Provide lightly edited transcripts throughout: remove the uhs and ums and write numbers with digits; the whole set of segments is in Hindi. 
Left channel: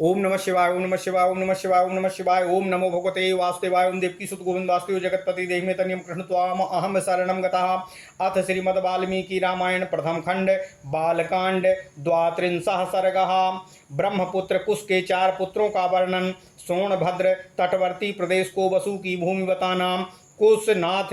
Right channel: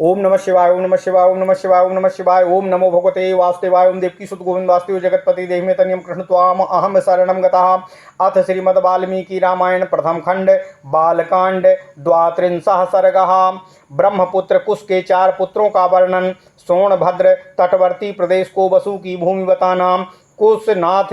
ओम नमः शिवाय ओम नमः शिवाय ओम नमः शिवाय ओम नमः शिवाय। ओम नमो भगवते वासुदेवाय ओम देवकी सुत गोविंद वासुदेव जगतपति देहिमे तनियम कृष्ण त्वाम अहम शरणम गतः। अथ श्रीमद् वाल्मीकि रामायण प्रथम खंड बालकांड द्वात्रिंशः सर्गः। ब्रह्मपुत्र कुश के 4 पुत्रों का वर्णन। सोनभद्र तटवर्ती प्रदेश को वसु की भूमि बताना। कुशनाभ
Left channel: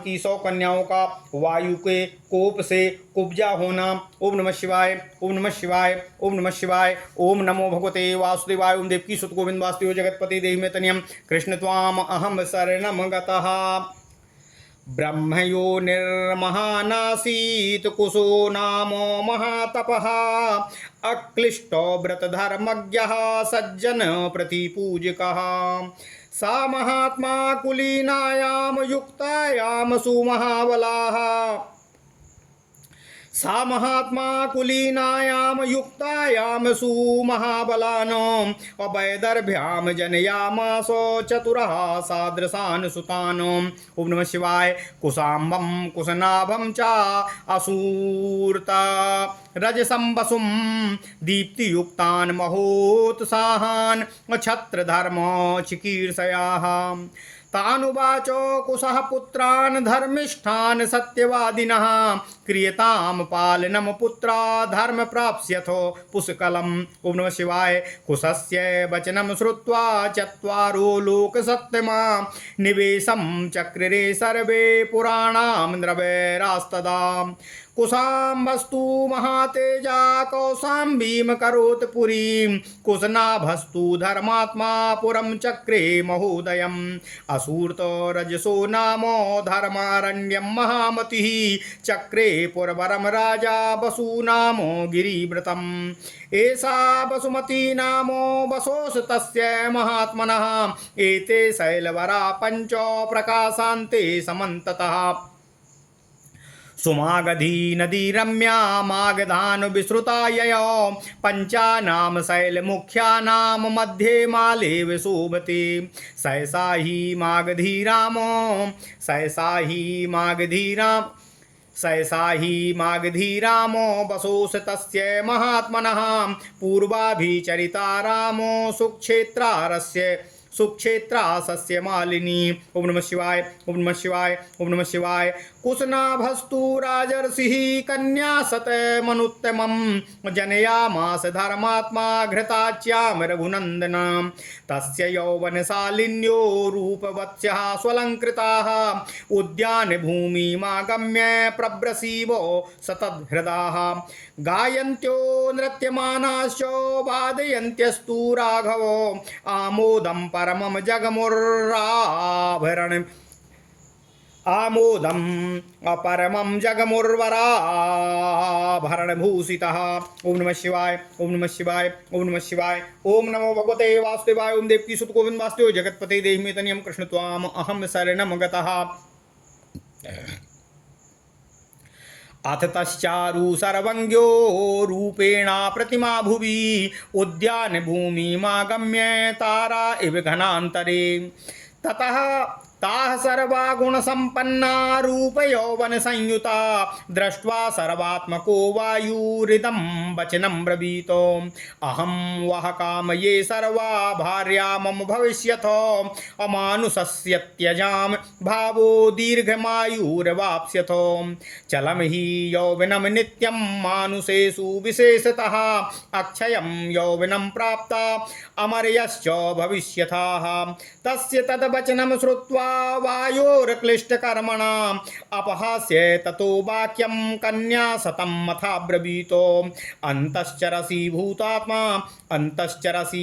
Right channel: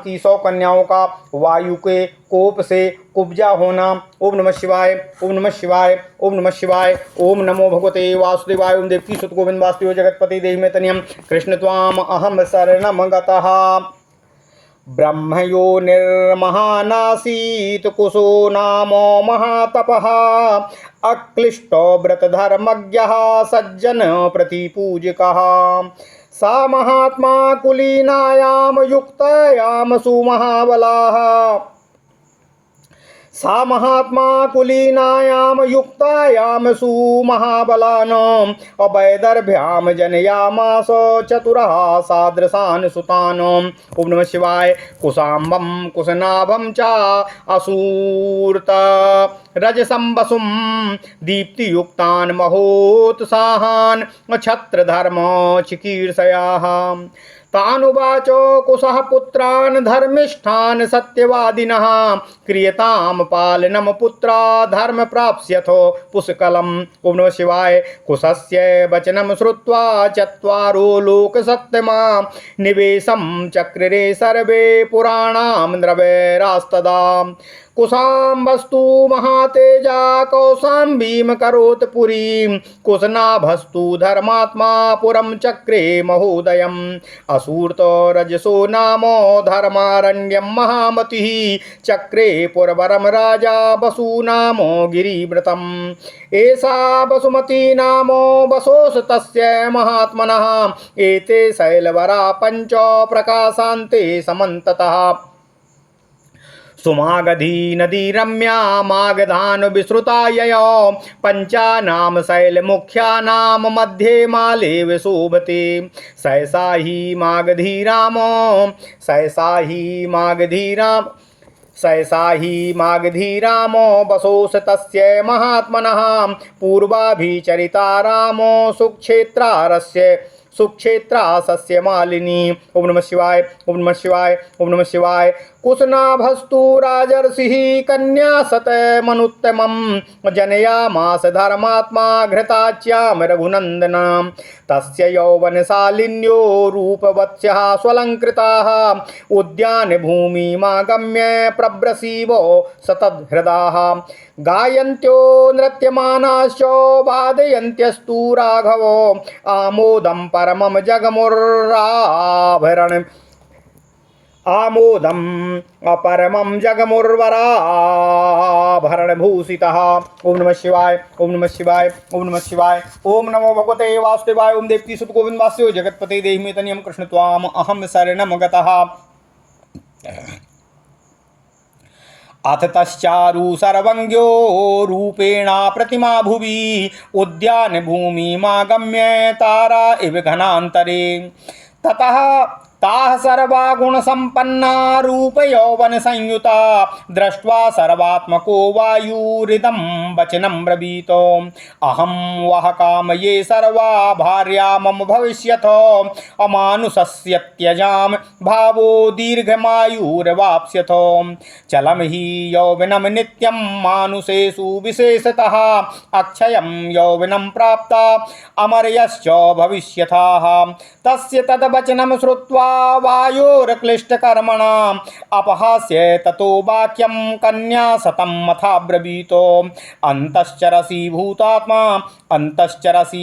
की 100 कन्याओं का वायु के कोप से कुब्जा होना। ओम नमः शिवाय ओम नमः शिवाय ओम नमः शिवाय। ओम नमो भगवते वासुदेवाय ओम देवकी सुत गोविंद वासुदेव जगतपति देहिमे तनियम कृष्ण त्वाम अहम शरणम गतः। ब्रह्मयो निर्महानासीत कुशो नामो महातपः। अक्लिष्टो व्रतधर्मज्ञः सज्जन प्रतिपूजकः। सा महात्मा कुलीनायाम युक्तायाम सुमहाबलाः। सा महात्मा कुलीनायाम युक्तायाम सुमहाबलानाम् अवैदर्भ्याम जनयामास चतुरः सादृशान् सुतान्। ओम नमः शिवाय। कुशाम्बं कुशनाभं च असूर्त रजसं वसुं दीप्तियुक्तान् महोत्साहान् छत्रधर्म चिकीर्षयाः। तानुवाच कुशः पुत्रान् धर्मिष्ठान् सत्यवादिनः क्रियतां पालनं पुत्रा धर्म प्राप्स्यथो पुष्कलम्। ओम नमः शिवाय। कुशस्य वचनं श्रुत्वा चत्वारो लोकसत्तमा निवेशं चक्रिरे सर्वे पुराणां द्रवैरास्तदा। कुशाम्बस्तु महातेजा कौशाम्बीं करोत् पुरीं कुशनाभस्तु धर्मात्मा पुरं चक्रे महोदयम्। असूर्तो रजसो नामो धर्मारण्यं महामतिः चक्रे पुरवरं राजा वसु नामो गिरिव्रतम्। एषा वसुमती नामो वसोस तस्य महात्मनः एते शैलवरा पंच प्रकाशान्ते समन्ततः। सुमागधी नदी रम्या मागधान विश्रुता यया पंचानाम शैल मुख्यानाम मध्ये मालेव शोभते। सहसा ही मागधी रामो सहसा ही मागधी रामो वसोस तस्य महात्मनः पूर्वाभिचरिता रामो सुक्षेत्रा सस्य मालिनी। ओम नमः शिवाय ओम नमः शिवाय ओम नमः शिवाय। कुशनाभस्तु राजर्षिः कन्या सत मनुत्तमं जनयामास धर्मात्मा घृताच्यां रघुनन्दनां। तस्य यौवनशालिन्यो रूपवत्स्यः स्वलङ्कृताः उद्यान भूमिमागम्य प्रव्रसीवो सतहृदाः। गायन्त्यो नृत्यमानाश्च वादयन्त्यस्तु राघवो आमोदं परमं जगमुर्राभरण आमोदम अपरमं जगमुर्वराभरणभूषितः। ओम नमः शिवाय ओम नमः शिवाय ओम नमः शिवाय। ओम नमो भगवते वासुदेवाय ओम देवकी सुत गोविंद वासुदेव जगतपते देहिमे तनियम कृष्ण त्वाम अहम शरणम गतः। अथ तश्चारु सर्वज्ञो रूपेणा प्रतिमा भुवि उद्यान भूमिमागम्य तारा इव घनान्तरे। ततः ताः सर्वा गुणसम्पन्ना रूप यौवन संयुता दृष्ट्वा सर्वात्मको वायुरिदं वचनं ब्रवीत। अहं वः कामये सर्वा भार्या मम भविष्यथ अमानुषस्य त्यजाम भावो दीर्घमायुर्वाप्स्यथ। चलं हि यौवनं नित्यं मानुषेषु विशेषतः अक्षयं यौवनं प्राप्ता अमर्यश्च भविष्यथाः। तस्य तद्वचनं श्रुत्वा वायोर्क्लिष्टकर्मणाम् अपहास्य ततो वाक्यं कन्या शतं मथाब्रवीत। अन्तश्चरसि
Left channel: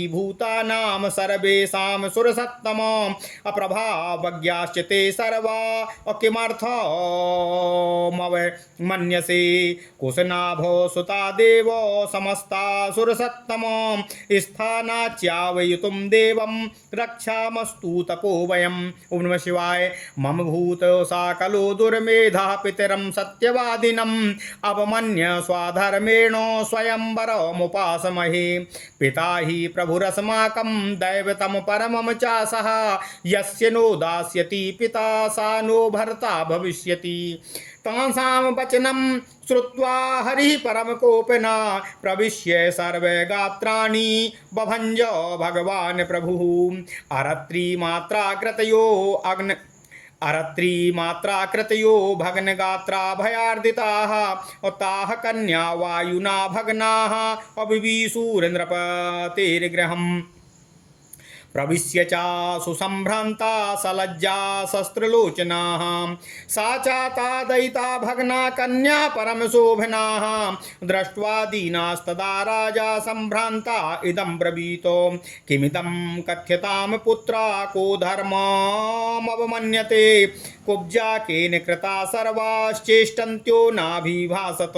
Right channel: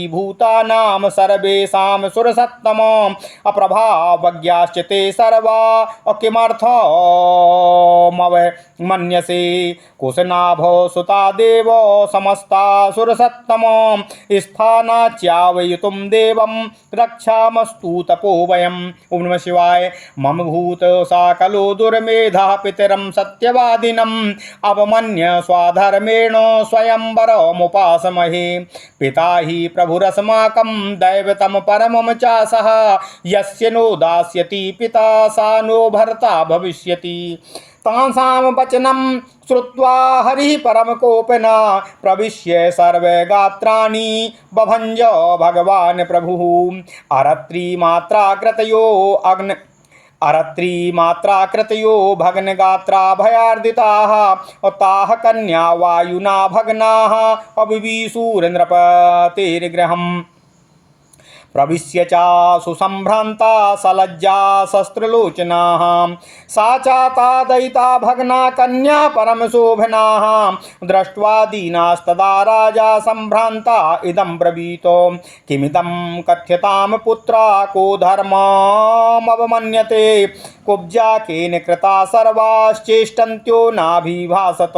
भूतानां सर्वेषां सुरसत्तम अप्रभावज्ञाश्च ते सर्वा किमर्थमवमन्यसे। कुशनाभो सुता देव समस्ता सुरसत्तम स्थानाच्यावयितुं देवं रक्षामस्तु तपो वयम्। ओम नमः शिवाय। मम भूत साकलो दुर्मेधा पितरं सत्यवादिनम् अवमन्य स्वाधर्मेण स्वयंवरमुपासमहे। पिता हि प्रभुरस्माकं दैवतं परमं च सः यस्य नो दास्यति पिता सा नो भर्ता भविष्यति। तासां वचनं श्रुत्वा हरिः परमकोपना प्रविश्य सर्वे गात्राणि बभञ्ज भगवान् प्रभुः। अरत्रीमात्राकृतयो भग्नगात्रा भयार्दिताः ताः कन्या वायुना भग्नाः अविवीशुरेन्द्रपतेर्गृहम्। प्रविश्य चासु सम्भ्रान्ता सलज्जा शस्त्रलोचनाः सा चाता दयिता भग्ना कन्या परमशोभनाः। दृष्ट्वा दीनास्तदा राजा सम्भ्रान्ता इदं ब्रवीतो किमिदं कथ्यतां पुत्रा को धर्ममवमन्यते कुब्जा केन कृता सर्वाश्चेष्टन्त्यो नाभिभासत।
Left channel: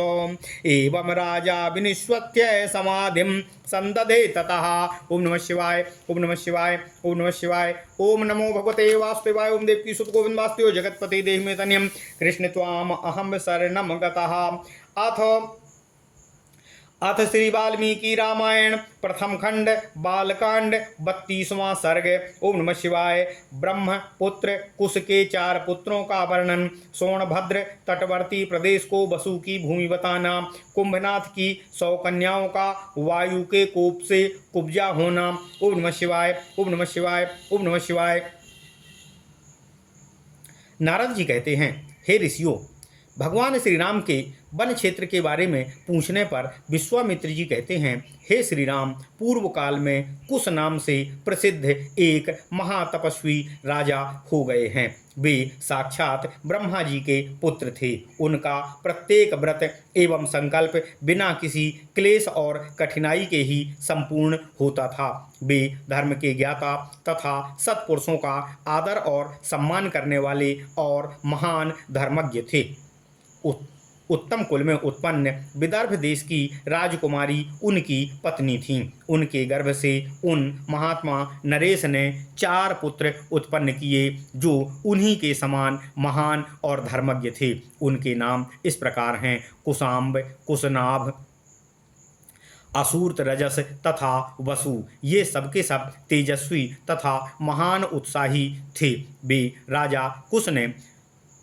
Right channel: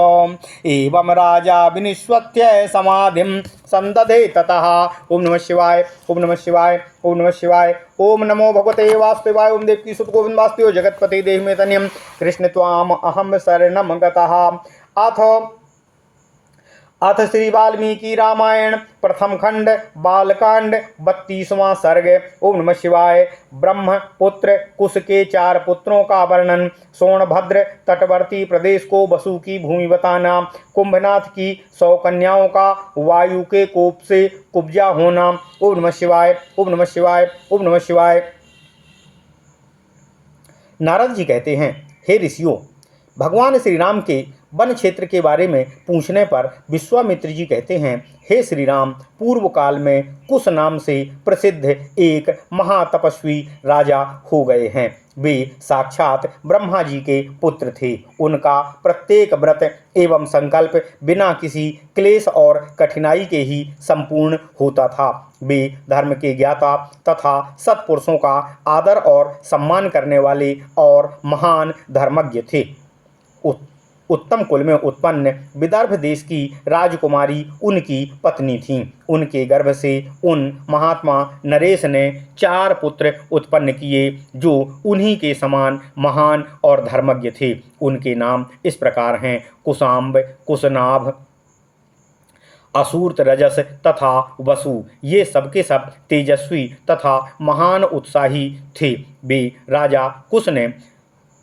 एवं राजा विनिष्वत्य समाधिं संदधे ततः। ओम नमः शिवाय, ओम नमः शिवाय, ओम नमः शिवाय, ओम नमो भगवते वासुदेवाय। ओम देवकी सुत गोविंद वासुदेव जगतपते देहि मे तन्यं कृष्ण त्वाम अहम शरणं गतः। अथ श्री वाल्मीकि रामायण प्रथम खंड बालकांड 32वां सर्ग। ओम नमः शिवाय। ब्रह्मपुत्र कुश के 4 पुत्रों का वर्णन। सोनभद्र तटवर्ती प्रदेश को वसु की भूमि बताना। कुंभनाथ की 100 कन्याओं का वायु के कोप से कुब्जा होना। ओम नमः शिवाय, ओम नमः शिवाय, ओम नमः शिवाय। नारद जी कहते हैं, हे ऋषियों, भगवान श्री राम के वन क्षेत्र के बारे में पूछने पर विश्वामित्र जी कहते हैं, हे श्री राम, पूर्व काल में कुश नाम से प्रसिद्ध एक महातपस्वी राजा हो गए हैं। वे साक्षात ब्रह्मा जी के पुत्र थे। उनका प्रत्येक व्रत एवं संकल्प बिना किसी क्लेश और कठिनाई के ही संपूर्ण होता था। वे धर्म के ज्ञाता तथा सत्पुरुषों का आदर और सम्मान करने वाले और महान धर्मज्ञ थे। उत्तम कुल में उत्पन्न विदर्भ देश की राजकुमारी उनकी पत्नी थीं। उनके गर्भ से उन महात्मा नरेश ने 4 पुत्र उत्पन्न किए जो उन्हीं के समान महान और धर्मज्ञ थे। उनके नाम इस प्रकार हैं, कुशाम्ब, कुशनाभ, असूर्त रजस तथा वसु। ये सबके सब तेजस्वी तथा महान उत्साही थे। वे राजा कुश ने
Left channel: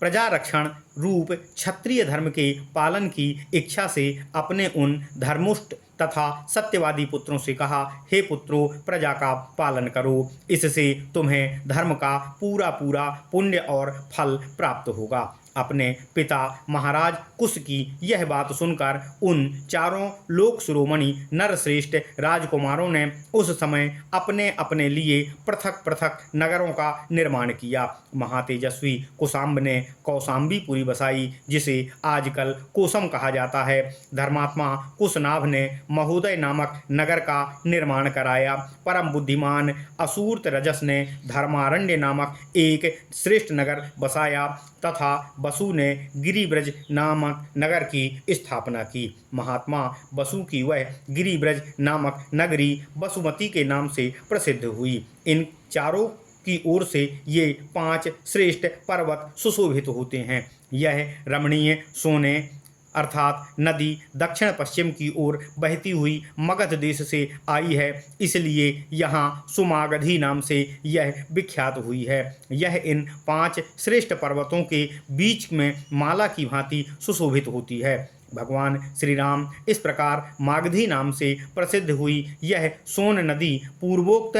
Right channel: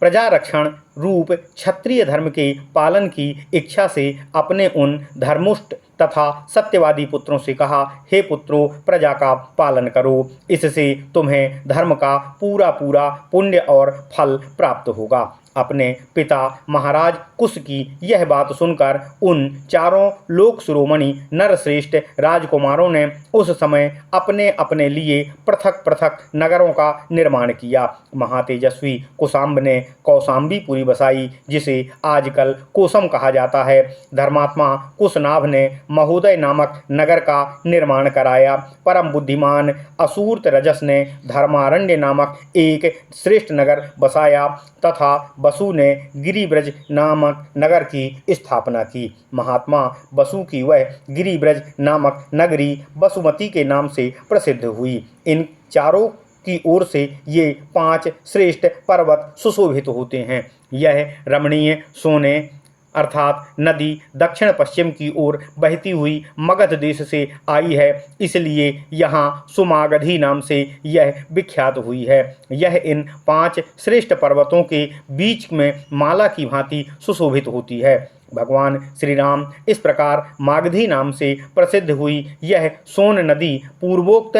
प्रजा रक्षण रूप क्षत्रिय धर्म के पालन की इच्छा से अपने उन धर्मुष्ट तथा सत्यवादी पुत्रों से कहा, हे पुत्रों, प्रजा का पालन करो, इससे तुम्हें धर्म का पूरा पूरा पुण्य और फल प्राप्त होगा। अपने पिता महाराज कुश की यह बात सुनकर उन 4 लोक शिरोमणि नरश्रेष्ठ राजकुमारों ने उस समय अपने अपने लिए पृथक पृथक नगरों का निर्माण किया। महातेजस्वी कुशाम्ब ने कौशाम्बीपुरी बसाई, जिसे आजकल कोसम कहा जाता है। धर्मात्मा कुशनाभ ने महोदय नामक नगर का निर्माण कराया। परम बुद्धिमान असूर्त रजस ने धर्मारण्य नामक एक श्रेष्ठ नगर बसाया तथा वसु ने गिरिब्रज नामक नगर की स्थापना की। महात्मा वसु की वह गिरिब्रज नामक नगरी वसुमती के नाम से प्रसिद्ध हुई। इन चारों की ओर से ये 5 श्रेष्ठ पर्वत सुशोभित होते हैं। यह रमणीय सोने अर्थात नदी दक्षिण पश्चिम की ओर बहती हुई मगध देश से आई है, इसलिए यहाँ सुमागधी नाम से यह विख्यात हुई है। यह इन 5 श्रेष्ठ पर्वतों के बीच में माला की भांति सुशोभित होती है। भगवान श्री राम इस प्रकार मागधी नाम से प्रसिद्ध हुई यह सोन नदी पूर्वोक्त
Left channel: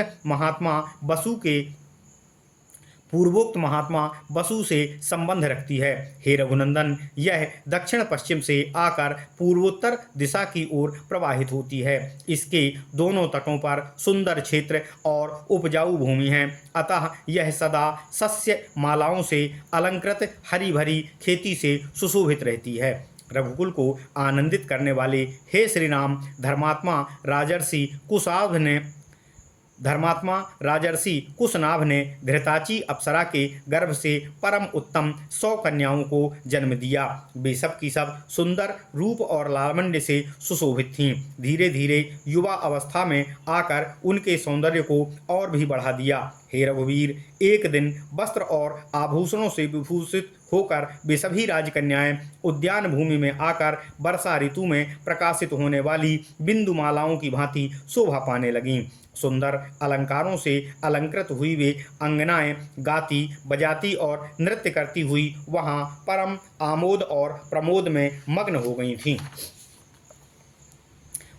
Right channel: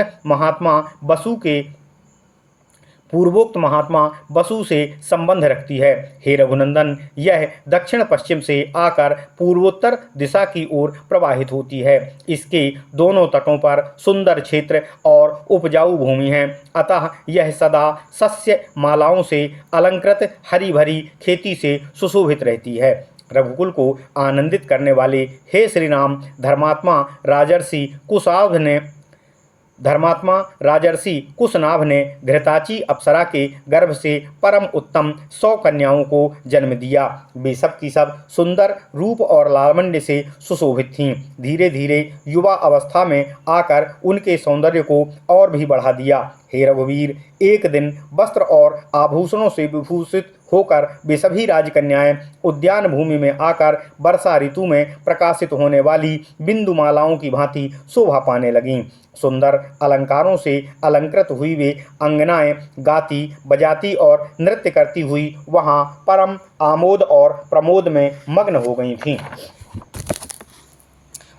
महात्मा वसु से संबंध रखती है। हे रघुनंदन, यह दक्षिण पश्चिम से आकर पूर्वोत्तर दिशा की ओर प्रवाहित होती है। इसके दोनों तटों पर सुंदर क्षेत्र और उपजाऊ भूमि है, अतः यह सदा सस्य मालाओं से अलंकृत हरी भरी खेती से सुशोभित रहती है। रघुकुल को आनंदित करने वाले हे श्री राम, धर्मात्मा राजर्षि कुशनाभ ने घृताची अप्सरा के गर्भ से परम उत्तम 100 कन्याओं को जन्म दिया। वे सब की सब सुंदर रूप और लावण्य से सुशोभित थीं। धीरे धीरे युवा अवस्था में आकर उनके सौंदर्य को और भी बढ़ा दिया। हे रघुवीर, एक दिन वस्त्र और आभूषणों से विभूषित होकर वे सभी राजकन्याएं उद्यान भूमि में आकर वर्षा ऋतु में प्रकाशित होने वाली बिंदुमालाओं की भांति शोभा पाने लगीं। सुंदर अलंकारों से अलंकृत हुई वे अंगनाएं गाती बजाती और नृत्य करती हुई वहां परम आमोद और प्रमोद में मग्न हो गई थीं।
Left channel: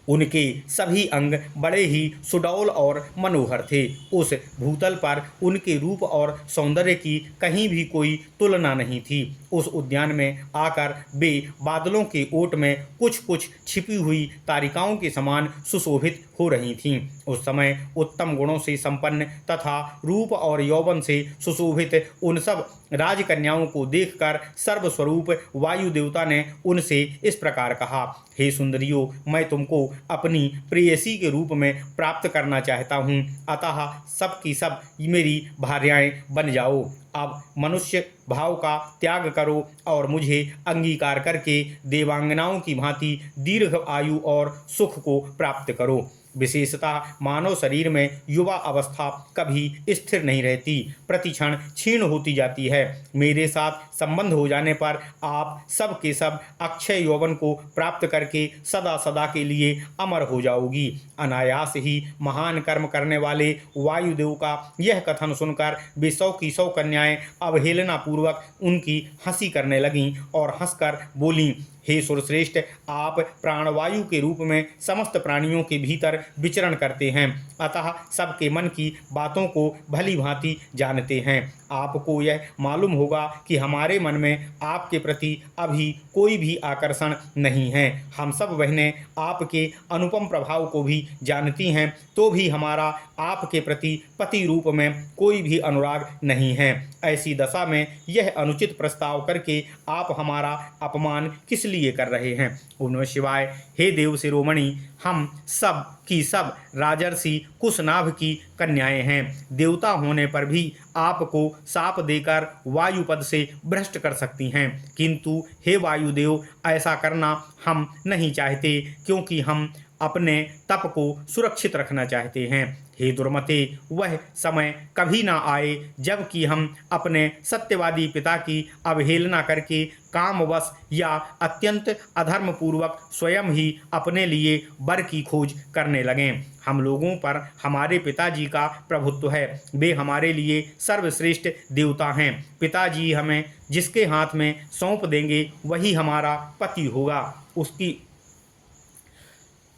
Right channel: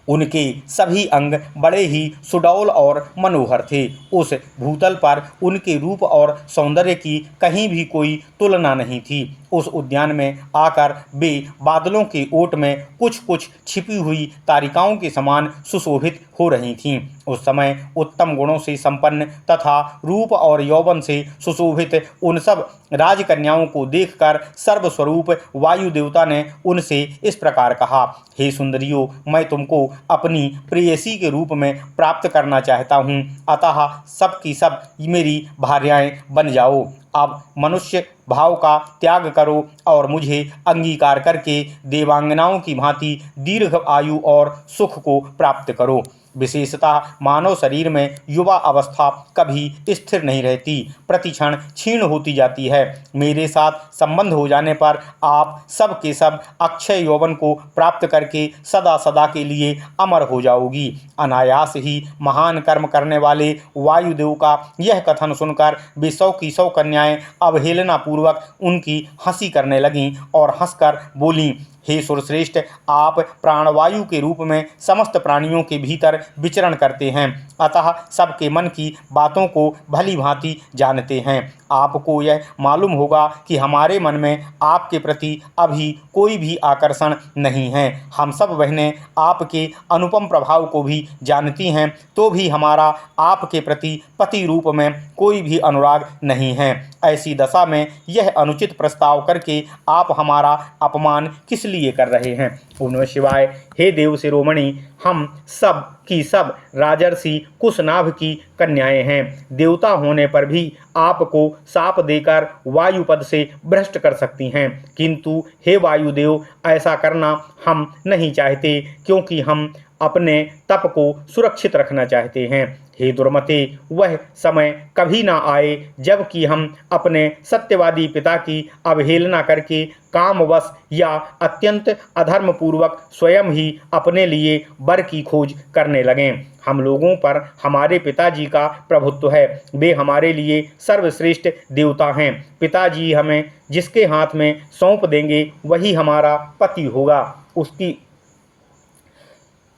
उनके सभी अंग बड़े ही सुडौल और मनोहर थे। उस भूतल पर उनके रूप और सौंदर्य की कहीं भी कोई तुलना नहीं थी। उस उद्यान में आकर वे बादलों के ओट में कुछ कुछ छिपी हुई तारिकाओं के समान सुशोभित हो रही थीं। उस समय उत्तम गुणों से संपन्न तथा रूप और यौवन से सुशोभित उन सब राजकन्याओं को देखकर सर्वस्वरूप वायु देवता ने उनसे इस प्रकार कहा, हे सुंदरियों, मैं तुमको अपनी प्रेयसी के रूप में प्राप्त करना चाहता हूँ, अतः सब की सब मेरी भार्याएं बन जाओ। अब मनुष्य भाव का त्याग करो और मुझे अंगीकार करके देवांगनाओं की भांति दीर्घ आयु और सुख को प्राप्त करो। विशेषतः मानव शरीर में युवा अवस्था कभी स्थिर नहीं रहती, प्रतिक्षण क्षीण होती जाती है। मेरे साथ संबंध हो जाने पर आप सब के सब अक्षय यौवन को प्राप्त करके सदा सदा के लिए अमर हो जाओगी। अनायास ही महान कर्म करने वाले वायुदेव का यह कथन सुनकर वे 100 की 100 कन्याएं अवहेलना पूर्वक उनकी हंसी करने लगीं और हंसकर बोलीं, हे सुरश्रेष्ठ, आप प्राणवायु के रूप में समस्त प्राणियों के भीतर विचरण करते हैं, अतः सबके मन की बातों को भली भांति जानते हैं। आपको यह मालूम होगा कि हमारे मन में आपके प्रति अभी कोई भी आकर्षण नहीं है। हम सब बहनें आपके अनुपम प्रभाव को भी जानती हैं, तो भी हमारा आपके प्रति पति रूप में कोई भी अनुराग नहीं है। ऐसी दशा में यह अनुचित प्रस्ताव करके आप हमारा अपमान किस लिए कर रहे हैं? ओम नमः शिवाय। हे देव शिरोमणि, हम सब की सब राजर्षि कुशनाभ की कन्याएं हैं। देवता होने पर भी आपको शाप देकर वायुपद से भ्रष्ट कर सकती हैं, किंतु हे वायुदेव, ऐसा करना हम नहीं चाहते, क्योंकि हम अपने तप को सुरक्षित रखना चाहते हैं। हे दुर्मते, वह समय कभी ना आए जबकि हम अपने सत्यवादी पिता की अवहेलना करके कामवश या अत्यंत अधर्मपूर्वक स्वयं ही अपने लिए वर की खोज करने लगें। हम लोगों पर हमारे पिताजी का प्रभुत्व है, वे हमारे लिए सर्वश्रेष्ठ देवता हैं। पिताजी हमें जिसके हाथ में सौंप देंगे वही हमारा पति होगा। उसकी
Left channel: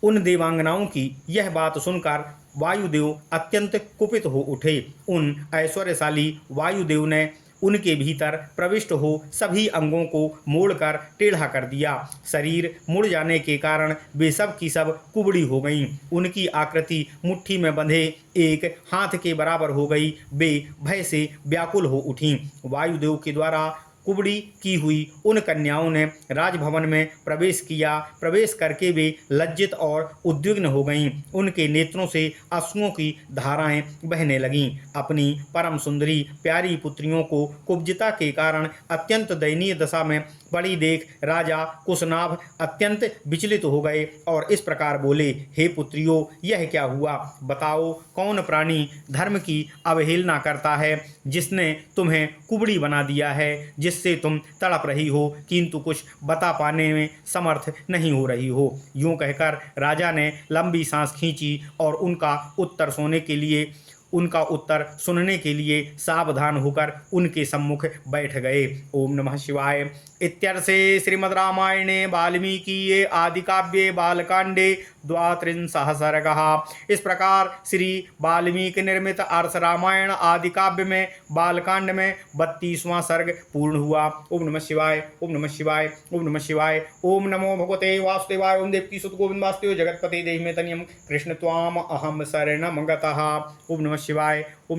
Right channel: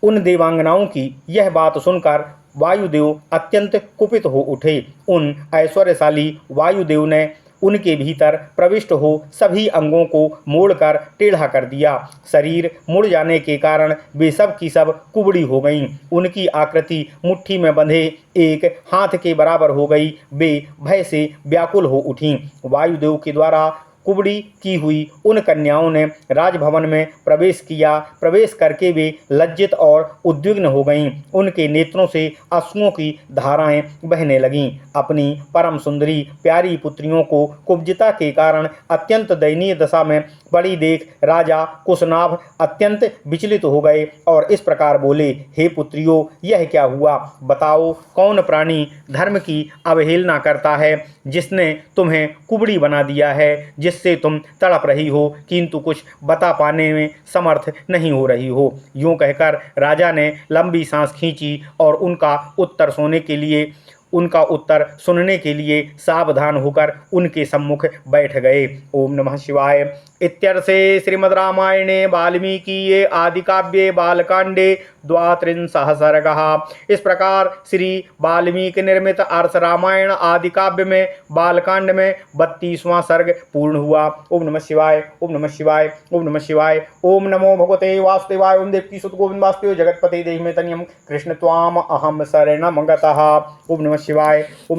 उन देवांगनाओं की यह बात सुनकर वायुदेव अत्यंत कुपित हो उठे। उन ऐश्वर्यशाली वायुदेव ने उनके भीतर प्रविष्ट हो सभी अंगों को मोड़कर टेढ़ा कर दिया। शरीर मुड़ जाने के कारण वे सब की सब कुबड़ी हो गईं। उनकी आकृति मुट्ठी में बंधे एक हाथ के बराबर हो गई। वे भय से व्याकुल हो उठीं। वायुदेव के द्वारा कुबड़ी की हुई उन कन्याओं ने राजभवन में प्रवेश किया। प्रवेश करके वे लज्जित और उद्विग्न हो गईं। उनके नेत्रों से अश्रुओं की धाराएं बहने लगीं। अपनी परम सुंदरी प्यारी पुत्रियों को कुब्जिता के कारण अत्यंत दयनीय दशा में पड़ी देख राजा कुशनाभ अत्यंत विचलित हो गए और इस प्रकार बोले, हे पुत्रियों, यह क्या हुआ? बताओ, कौन प्राणी धर्म की अवहेलना करता है, जिसने तुम्हें कुबड़ी बना दिया है, जिससे तुम तड़प रही हो किंतु कुछ बता पाने में समर्थ नहीं हो रही हो? यूं कहकर राजा ने लंबी सांस खींची और उनका उत्तर सुनने के लिए सावधान होकर उनके सम्मुख बैठ गए। ओम नमः शिवाय। इत्यर्थे श्रीमद् रामायणे वाल्मीकिये आदिकाव्ये बालकांडे 32 सर्गः। इस प्रकार श्री वाल्मीकि निर्मित अर्थ रामायण आदि काव्य में बालकांड में 32वां सर्ग पूर्ण हुआ। ओम नमः शिवाय, ओम नमः शिवाय, ओम नमः शिवाय। ओम नमो भगवते वासुदेवाय। ओम देवकी सुत गोविंद वासुदेव जगतपते देहि में तनियम कृष्ण त्वाम अहम शरणम गतः। ओम नमः शिवाय। ओम